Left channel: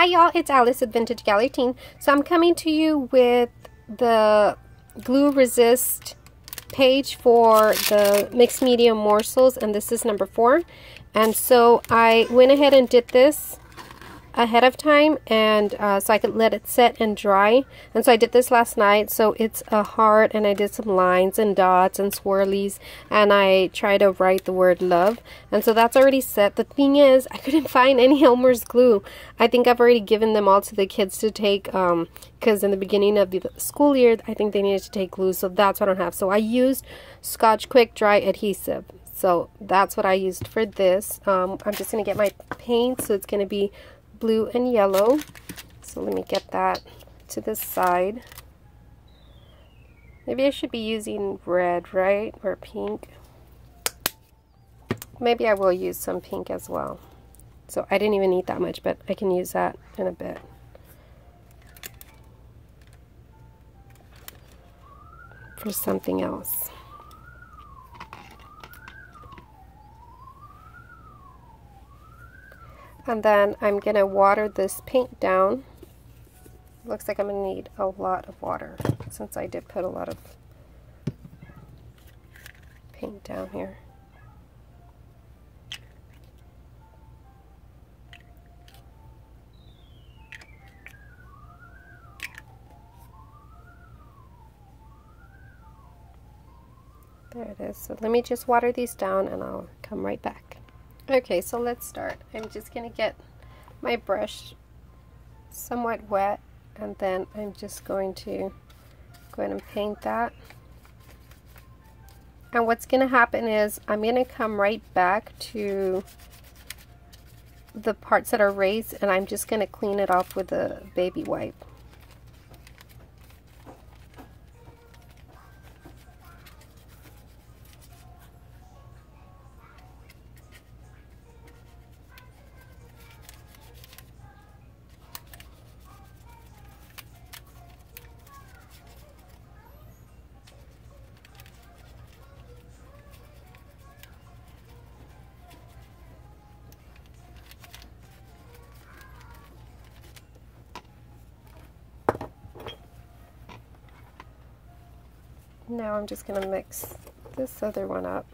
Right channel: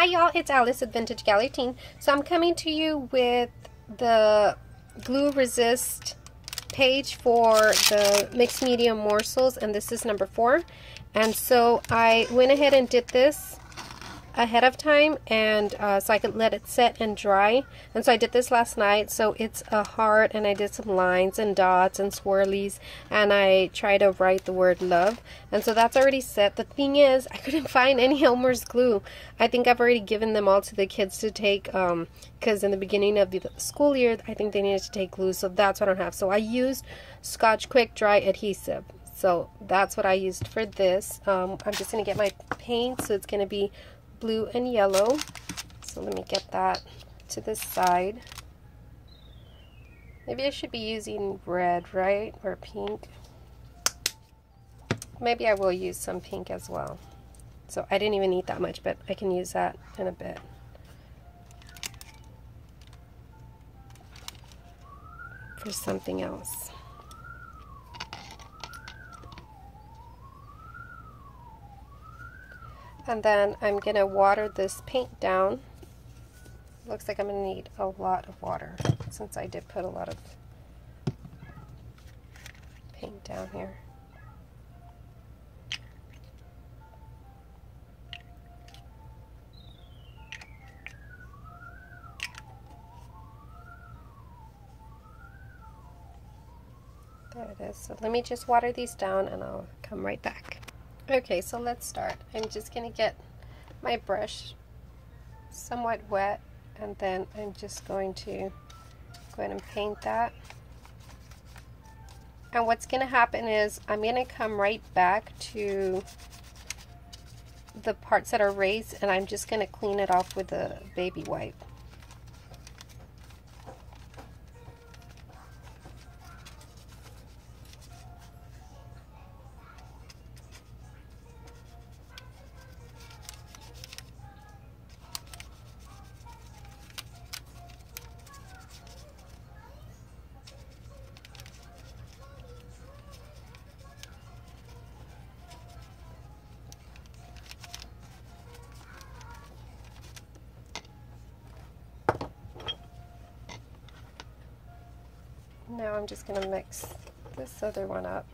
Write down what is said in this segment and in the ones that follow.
Hi y'all, it's Alice at Vintage Gallery Teen. So I'm coming to you with the glue resist page for the mixed media morsels, and this is number 4. And so I went ahead and did this ahead of time, and so I could let it set and dry. And so I did this last night. So it's a heart, and I did some lines and dots and swirlies, and I tried to write the word love. And so that's already set. The thing is, I couldn't find any Elmer's glue. I think I've already given them all to the kids to take, because in the beginning of the school year, I think they needed to take glue, so that's what I don't have. So I used Scotch Quick Dry Adhesive. So that's what I used for this. I'm just going to get my paint, so it's going to be blue and yellow. So let me get that to the side. Maybe I should be using red, right? Or pink. Maybe I will use some pink as well. So I didn't even need that much, but I can use that in a bit. For something else. And then I'm going to water this paint down. Looks like I'm going to need a lot of water, since I did put a lot of paint down here. There it is. So let me just water these down and I'll come right back. Okay, so let's start. I'm just going to get my brush somewhat wet, and then I'm just going to go ahead and paint that. And what's going to happen is I'm going to come right back to the parts that are raised, and I'm just going to clean it off with a baby wipe. Now I'm just going to mix this other one up.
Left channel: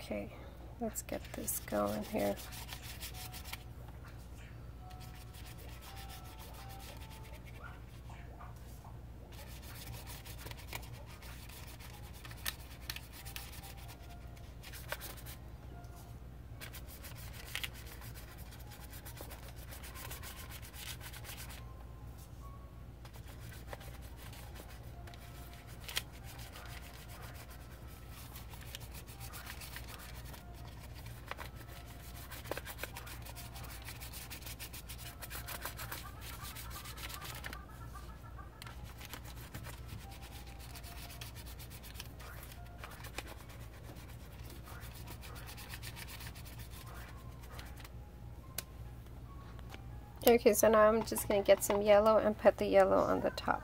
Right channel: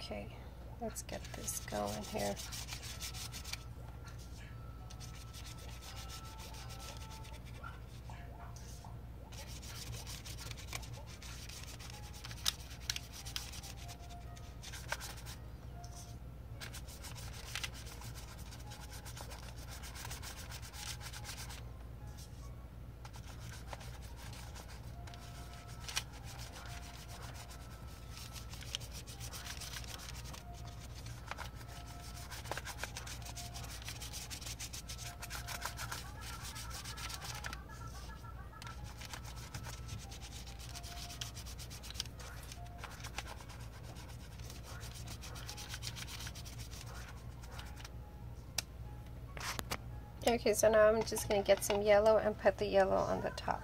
Okay, let's get this going here. Okay, so now I'm just going to get some yellow and put the yellow on the top.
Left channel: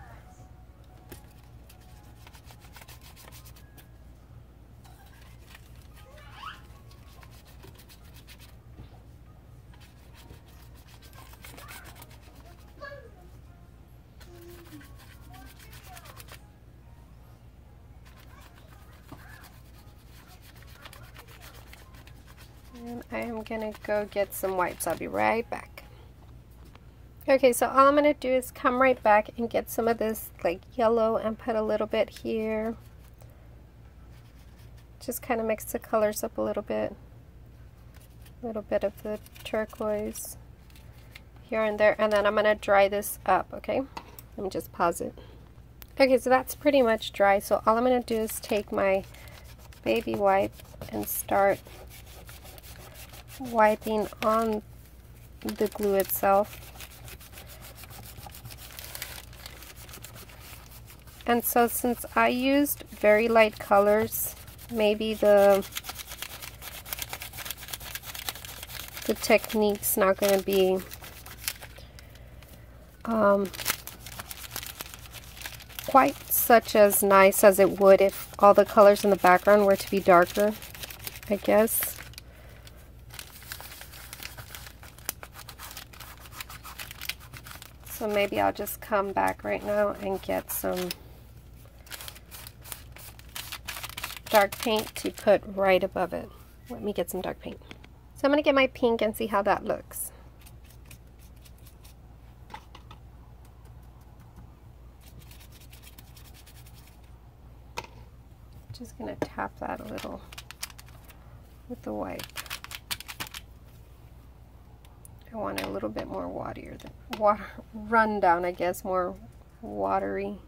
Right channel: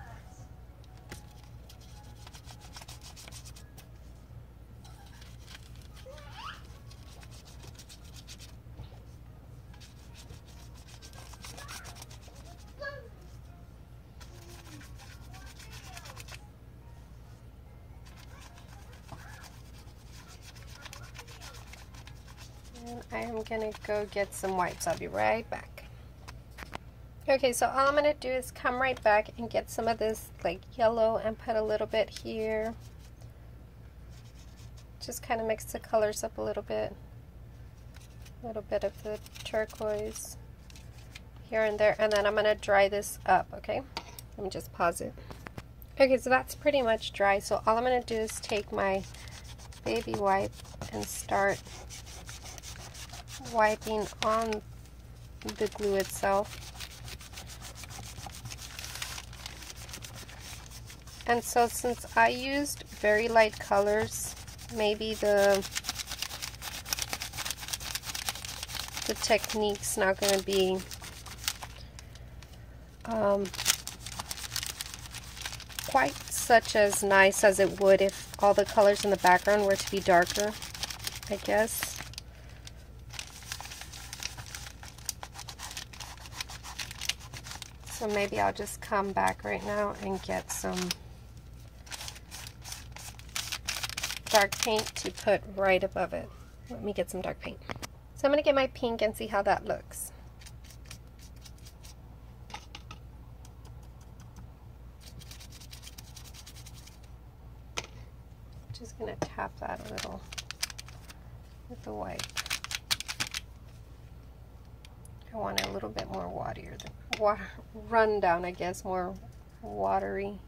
And I am going to go get some wipes. I'll be right back. Okay, so all I'm going to do is come right back and get some of this like yellow and put a little bit here. Just kind of mix the colors up a little bit. A little bit of the turquoise here and there. And then I'm going to dry this up, okay? Let me just pause it. Okay, so that's pretty much dry. So all I'm going to do is take my baby wipe and start wiping on the glue itself. And so since I used very light colors, maybe the technique's not going to be quite such as nice as it would if all the colors in the background were to be darker, I guess. So maybe I'll just come back right now and get some dark paint to put right above it. Let me get some dark paint. So I'm going to get my pink and see how that looks. Just going to tap that a little with the white. I want it a little bit more waterier, run down, I guess, more watery.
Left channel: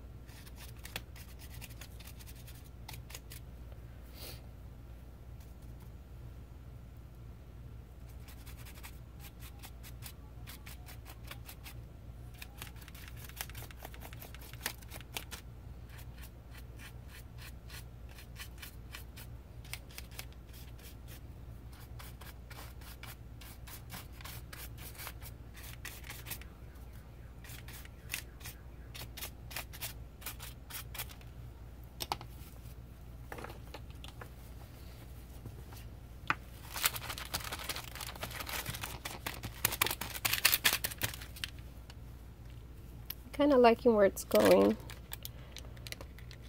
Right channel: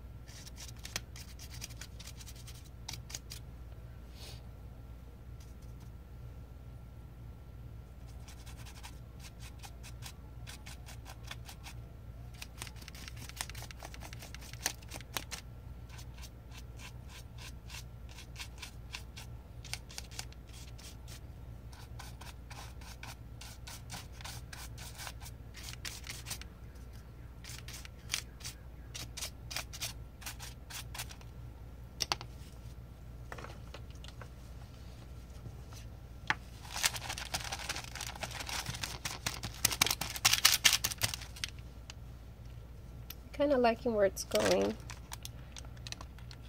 Kind of liking where it's going.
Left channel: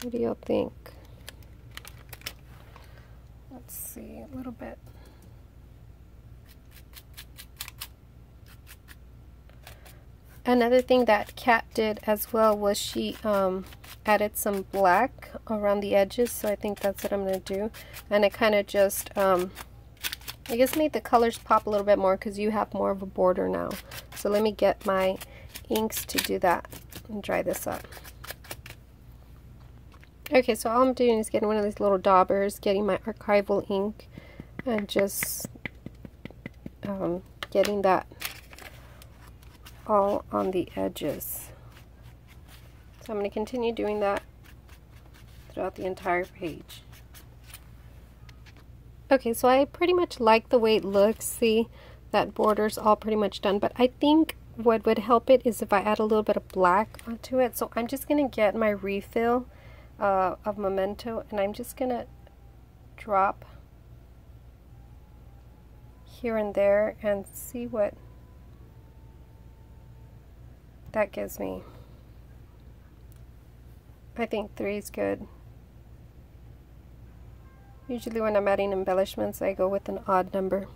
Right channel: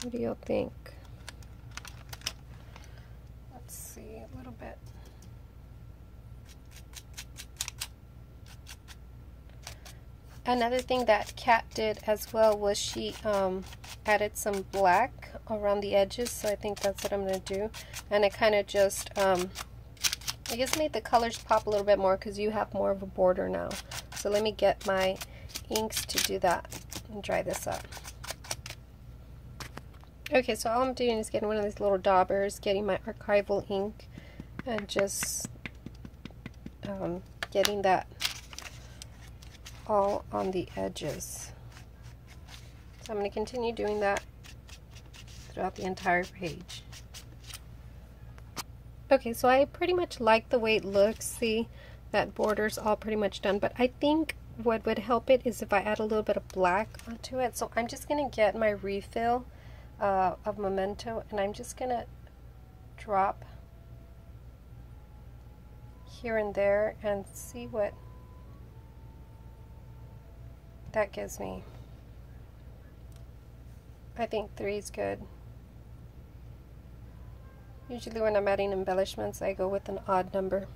What do y'all think? Let's see, a little bit. Another thing that Kat did as well was she added some black around the edges, so I think that's what I'm going to do. And it kind of just, I guess, made the colors pop a little bit more because you have more of a border now. So let me get my inks to do that and dry this up. Okay, so all I'm doing is getting one of these little daubers, getting my archival ink, and just getting that all on the edges. So I'm going to continue doing that throughout the entire page. Okay, so I pretty much like the way it looks. See, that border's all pretty much done, but I think what would help it is if I add a little bit of black onto it. So I'm just going to get my refill of Memento, and I'm just going to drop here and there and see what that gives me. I think 3 is good. Usually when I'm adding embellishments, I go with an odd number.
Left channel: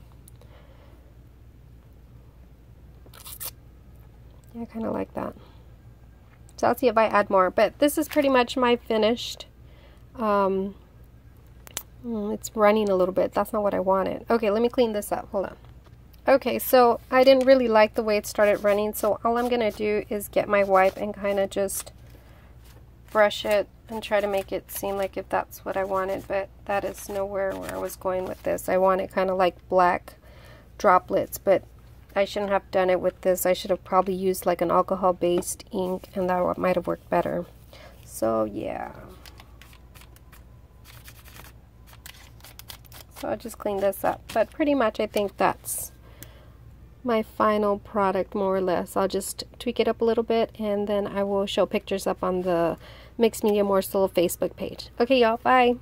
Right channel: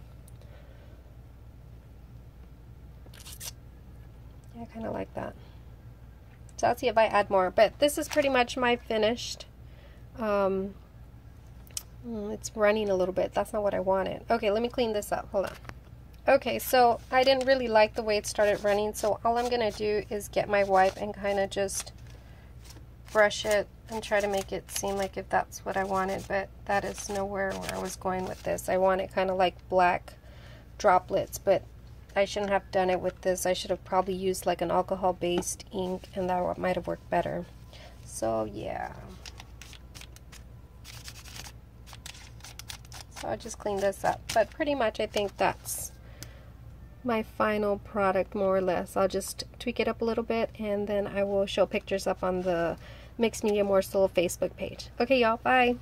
I kind of like that. So I'll see if I add more, but this is pretty much my finished. It's running a little bit. That's not what I wanted. Okay, let me clean this up. Hold on. Okay, so I didn't really like the way it started running, so all I'm going to do is get my wipe and kind of just brush it and try to make it seem like if that's what I wanted, but that is nowhere where I was going with this. I want it kind of like black droplets, but I shouldn't have done it with this. I should have probably used like an alcohol-based ink, and that might have worked better. So yeah. So I'll just clean this up. But pretty much I think that's my final product, more or less. I'll just tweak it up a little bit, and then I will show pictures up on the Mixed Media Morsel Facebook page. Okay, y'all, bye.